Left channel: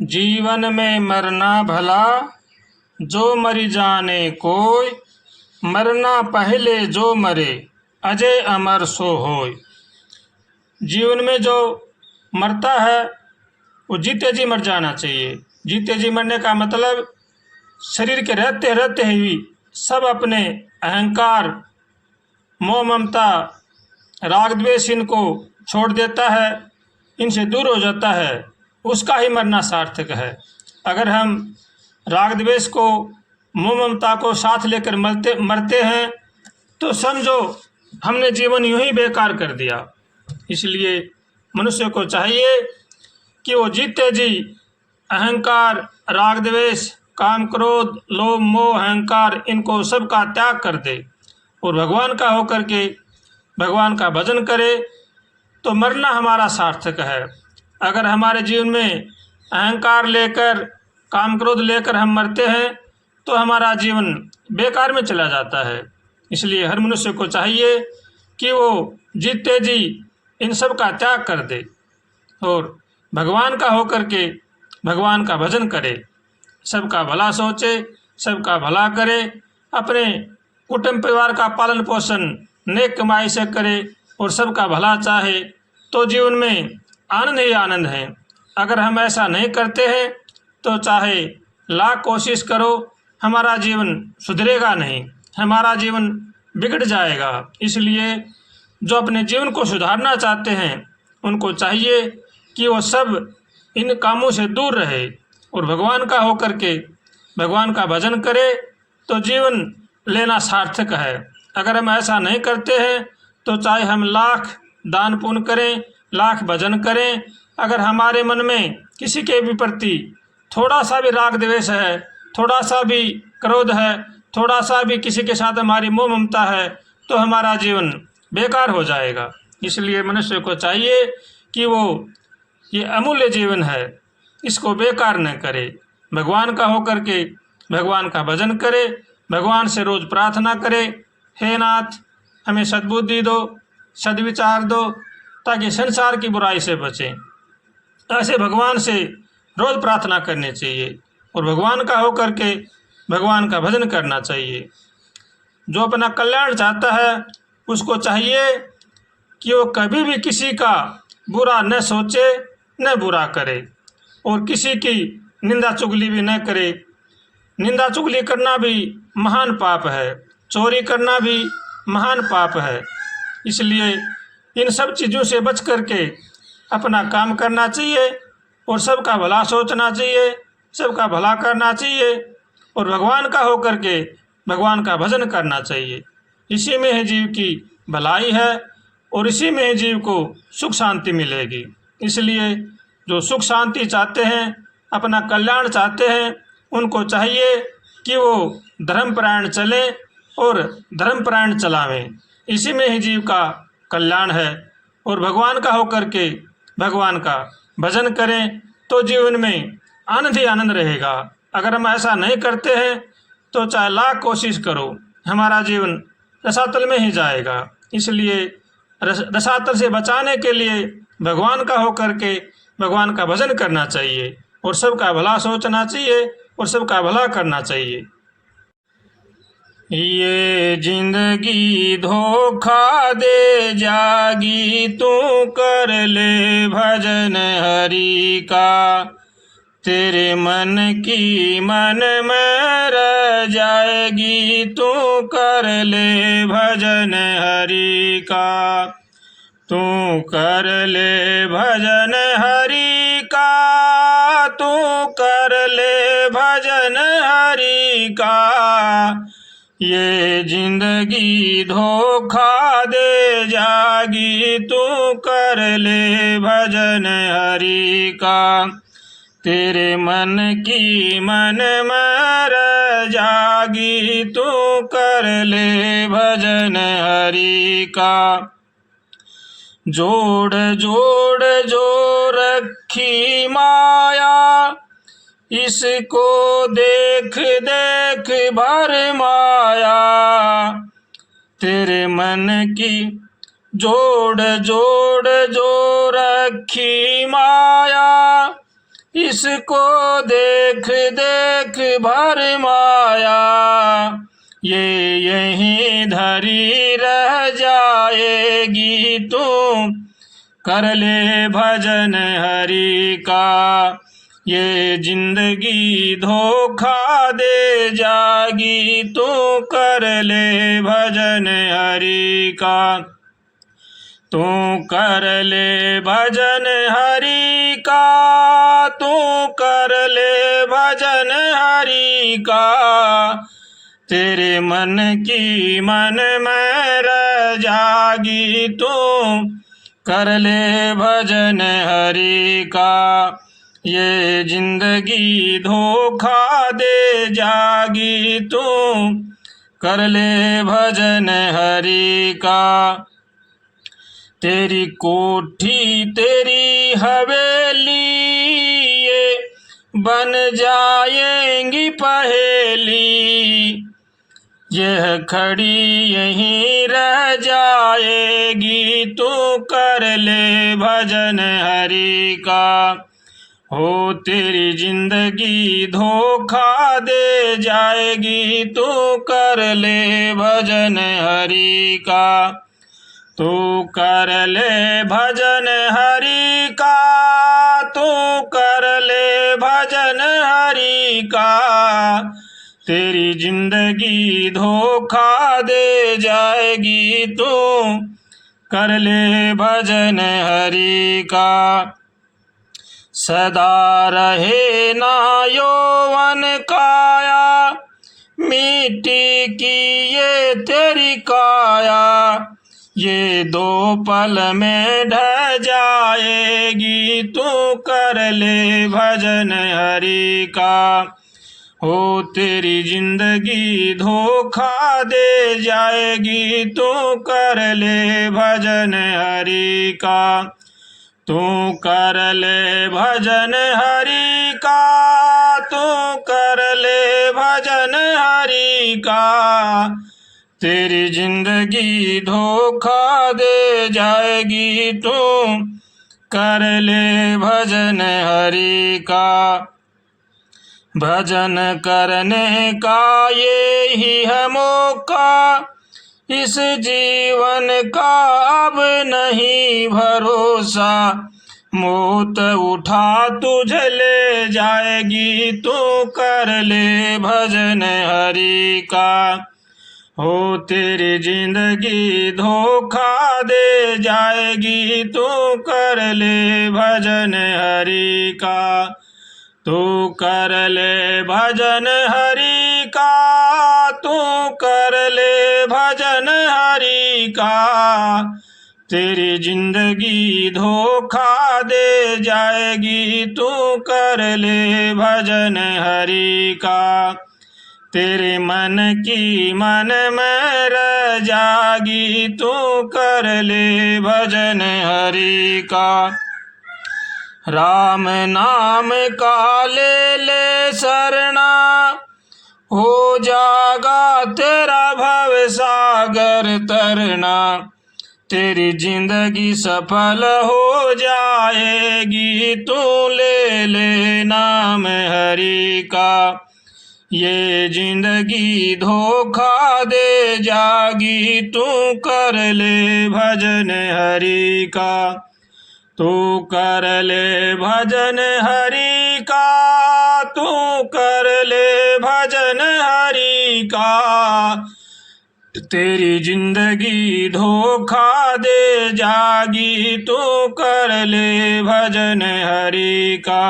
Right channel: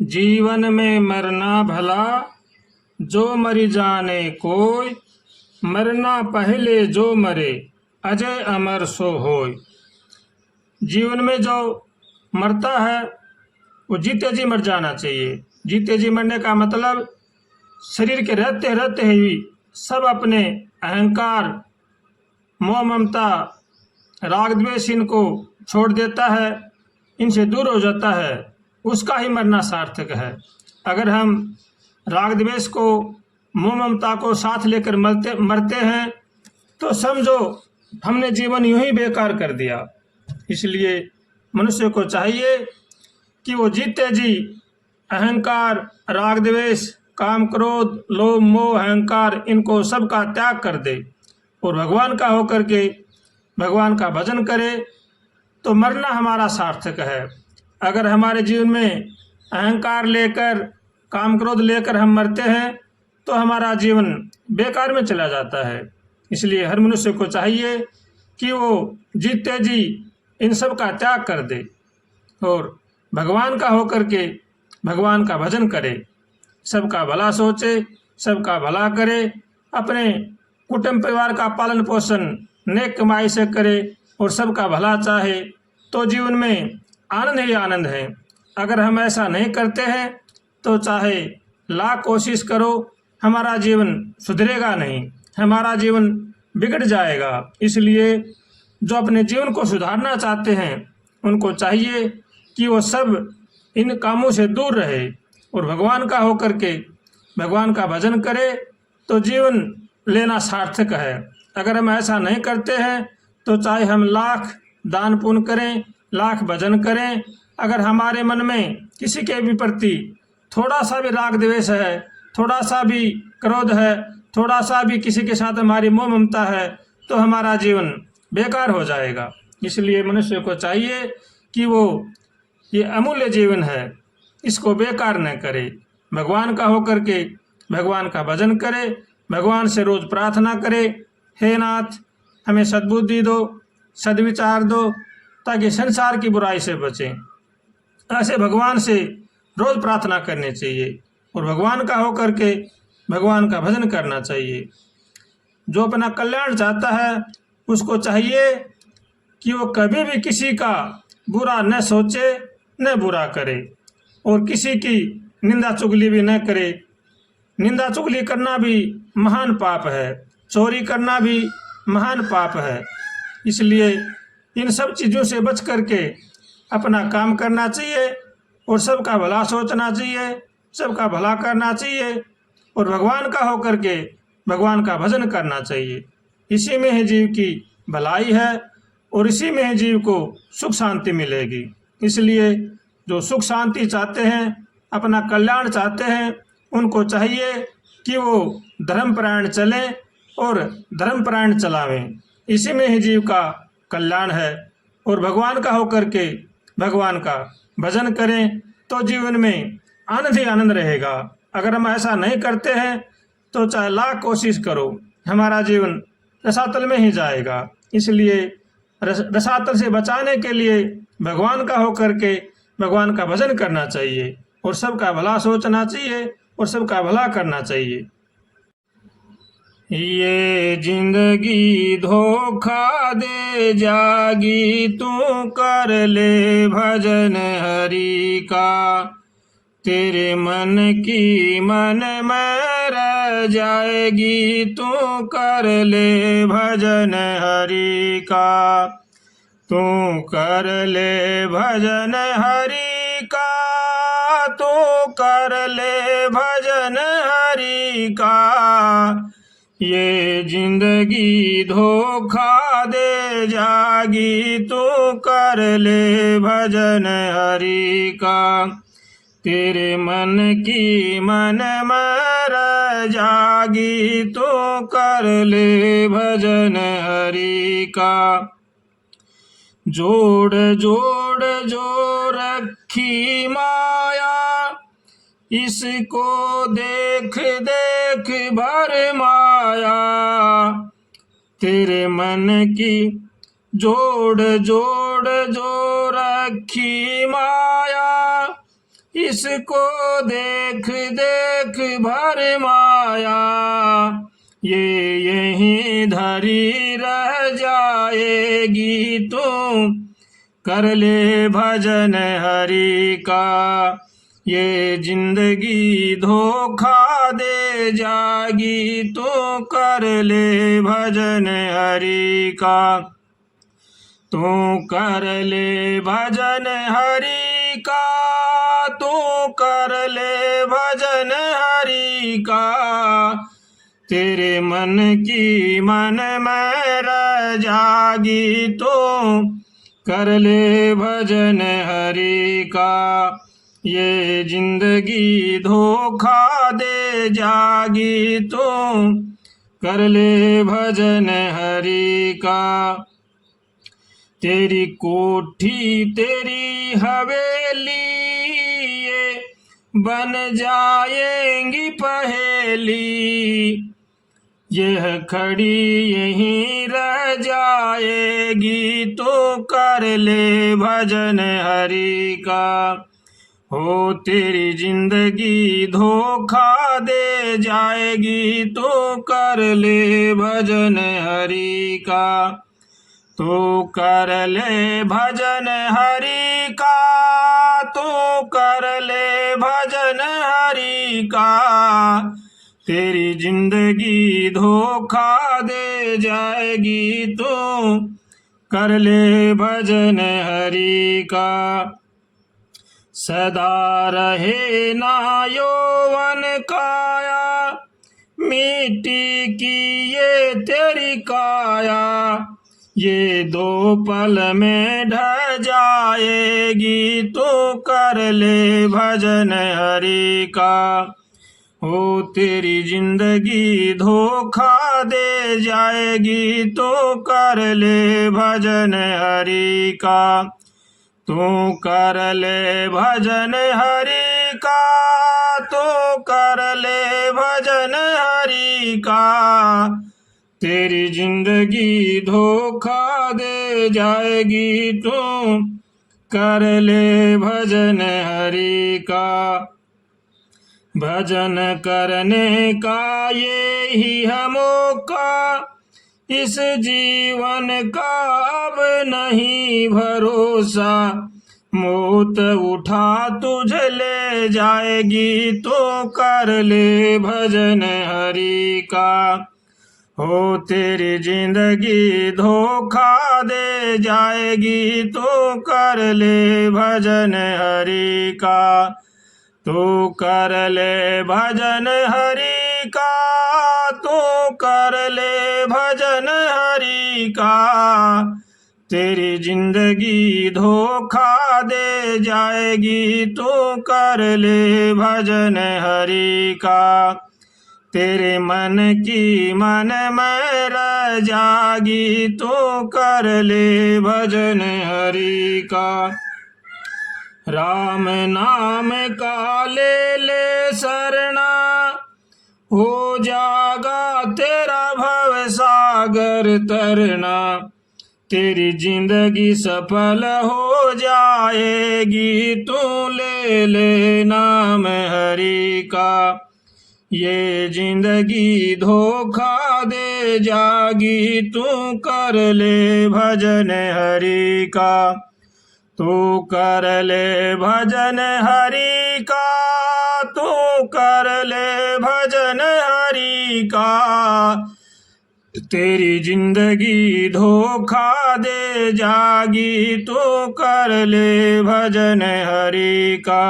जीवन में मरना भला, जो मरी जाने कोय। मरना पहले जो मरे, अजय अमर सो होय। जीवन में जो मरता है वो जीते जी मर जाना चाहिए। जीते जी मरने का मतलब शरीर के रहते रहते ही सब अपने अहंकार, मोह, ममता, राग, द्वेष इनको छोड़ देता है, इनसे दूर हो जाता है, उसका ही मरना सार्थक है। अगर हम राग द्वेष को, मोह ममता को साथ लेकर मरते हैं तो समझो हमने जीवन यूं ही बेकार कर दिया। इसलिए मनुष्य को चाहिए कि वो जीते जी अहंकार, राग द्वेष, काम, क्रोध, लोभ, मोह, अहंकार इनको सबका त्याग कर दे और भगवान का होकर के भगवान का भजन करे तो मरना हमारा सार्थक है। अगर हमारे जीवन में अहंकार लेकर, काम, क्रोध लेकर हम मरते हैं तो हमारा जीवन बेकार में चला जाता है। इसलिए हर मनुष्य को चाहिए कि वो जीते जी इन सब का त्याग कर दे और भगवान का होकर के भगवान का भजन करे, सबका भला सोचे, सबका भला करे, अपने कुटुंब परिवार का पालन पोषण नेक कमाई से करे और सबका भला चाहे तो जीवन में आनंद ही आनंद है। अगर हम ऐसा नहीं करते हैं तो चाहे लाख कोशिश करो, हमारा जीवन सुधरेगा नहीं, हमारा जीवन बिगड़ जाएगा। इसलिए जो अपने जीवन को सुधारना चाहते हैं उनको चाहिए कि वो सब इन कामों से दूर रहे और भगवान का होकर के भगवान का भजन करे तो जीवन लेना सार्थक है। अगर हम ऐसा नहीं करते हैं तो चाहे हम लाख दान पुण्य करें, लाख भजन करें, अगर हमारे मन में किसी के भी प्रति थोड़ा सा भी राग द्वेष है, थोड़ा सा भी क्रोध है, थोड़ा सा भी किसी के साथ हमारी मोह ममता है तो हमारा जीवन बेकार हो जाएगा। इसलिए मनुष्य को चाहिए कि वो ये अमूल्य जीवन है, इसको बेकार न करे, भगवान का होकर के भगवान का भजन करे, भगवान से रोज़ प्रार्थना करे, हे नाथ हमें सद्बुद्धि दो, सद्विचार दो ताकि संसार की बुराई से बचें। ऐसे भगवान से रोज़ प्रार्थना करनी चाहिए और भगवान का होकर के भगवान का भजन करना चाहिए। जो अपना कल्याण चाहता है उसको चाहिए कि वो कभी भी किसी का बुरा न सोचे, न बुरा करे और किसी की निंदा चुगली भी न करे। निंदा चुगली करना भी महान पाप है, चोरी करना भी महान पाप है। इसलिए इन सब चीज़ों से बच करके अपना काम करना चाहिए और सबका भला सोचना चाहिए, सबका भला करना चाहिए और भगवान का होकर के भगवान का भजन करना चाहिए। इसी में ही जीव की भलाई है और इसी में ही जीव को सुख शांति मिलेगी। इसलिए जो सुख शांति चाहते हैं, अपना कल्याण चाहते हैं, उनको चाहिए कि वो धर्मपरायण चलें और धर्मपरायण चलावें। इसी में ही जीव का कल्याण है और भगवान का होकर के भगवान का भजन करें तो जीवन में आनंद ही आनंद रहेगा। अगर हम ऐसा नहीं करते हैं तो चाहे लाख कोशिश करो, हमारा जीवन रसातल में ही जाएगा। इसलिए रसातल से बचाने के लिए भगवान का होकर के भगवान का भजन करना चाहिए और सबका भला सोचना चाहिए और सबका भला करना चाहिए। ये जिंदगी धोखा दे जागी, तू कर ले भजन हरि का। तेरे मन की मन में रह जाएगी, तू कर ले भजन हरि का। तू कर ले भजन हरि का, तू कर ले भजन हरि का। ये जिंदगी धोखा दे जागी, तू कर ले भजन हरि का। तेरे मन की मन में रह जागी, तू कर ले भजन हरि का। जोड़ जोड़ जो रखी माया, इसको देख देख भर माया। तेरे मन की जोड़ जोड़ जो रखी माया, इसको देख देख भर माया, ये यहीं धरी रह जाएगी। तू कर ले भजन हरि का, ये जिंदगी धोखा दे जाएगी। तू कर ले भजन हरि का, तू कर ले भजन हरि का, तू कर ले भजन हरि का। तेरे मन की मन में रह जागी, तू कर ले भजन हरि का, ये जिंदगी धोखा दे जागी। तू कर ले भजन हरि का। तेरी कोठी तेरी हवेली ये बन जाएंगी पहेली, यह खड़ी यहीं रह जाएगी। तू कर ले भजन हरि का, हो तेरी जिंदगी धोखा दे जाएगी। तू कर ले भजन हरि का, तू कर ले भजन हरि का, तू कर ले भजन हरि का। तेरी जिंदगी धोखा दे जाएगी। तू कर ले भजन हरि का। सदा रहे ना यौवन काया, मिट्टी की ये तेरी काया, ये दो पल में ढह जाएगी। तू कर ले भजन हरि का, हो तेरी जिंदगी धोखा दे जाएगी। तू कर ले भजन हरि का, तू कर ले भजन हरि का, तू कर ले भजन हरि का। तेरी जिंदगी धोखा दे जाएगी। तू कर ले भजन हरि का। भजन करने का ये ही है मौका, इस जीवन का अब नहीं भरोसा। मौत उठा तुझे ले जाएगी। तू कर ले भजन हरि का, हो तेरी जिंदगी धोखा दे जाएगी। तू कर ले भजन हरि का, तू कर ले भजन हरि का, तू कर ले भजन हरि का। तेरी जिंदगी धोखा दे जाएगी। तू कर ले भजन हरि का, तेरे मन की मन में रह जागी। तू कर ले भजन हरि का। राम नाम का ले ले शरणा, हो जागा तेरा भव सागर तरना। तेरी जिंदगी सफल हो जाएगी। तू ले ले नाम हरि का, ये जिंदगी धोखा दे जागी। तू कर ले भजन हरि का, तू कर ले भजन हरि का, तू कर ले भजन हरि का। तेरी जिंदगी धोखा दे जागी। तू कर ले भजन हरि का,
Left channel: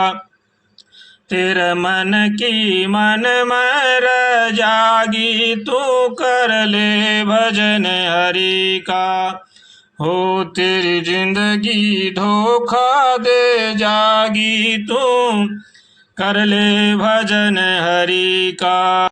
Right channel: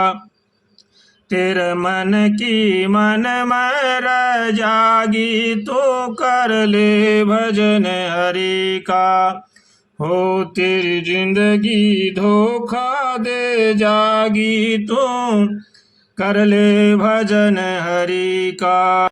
तेरे मन की मन में रह जागी। तू कर ले भजन हरि का, हो तेरी जिंदगी धोखा दे जागी। तू कर ले भजन हरि का।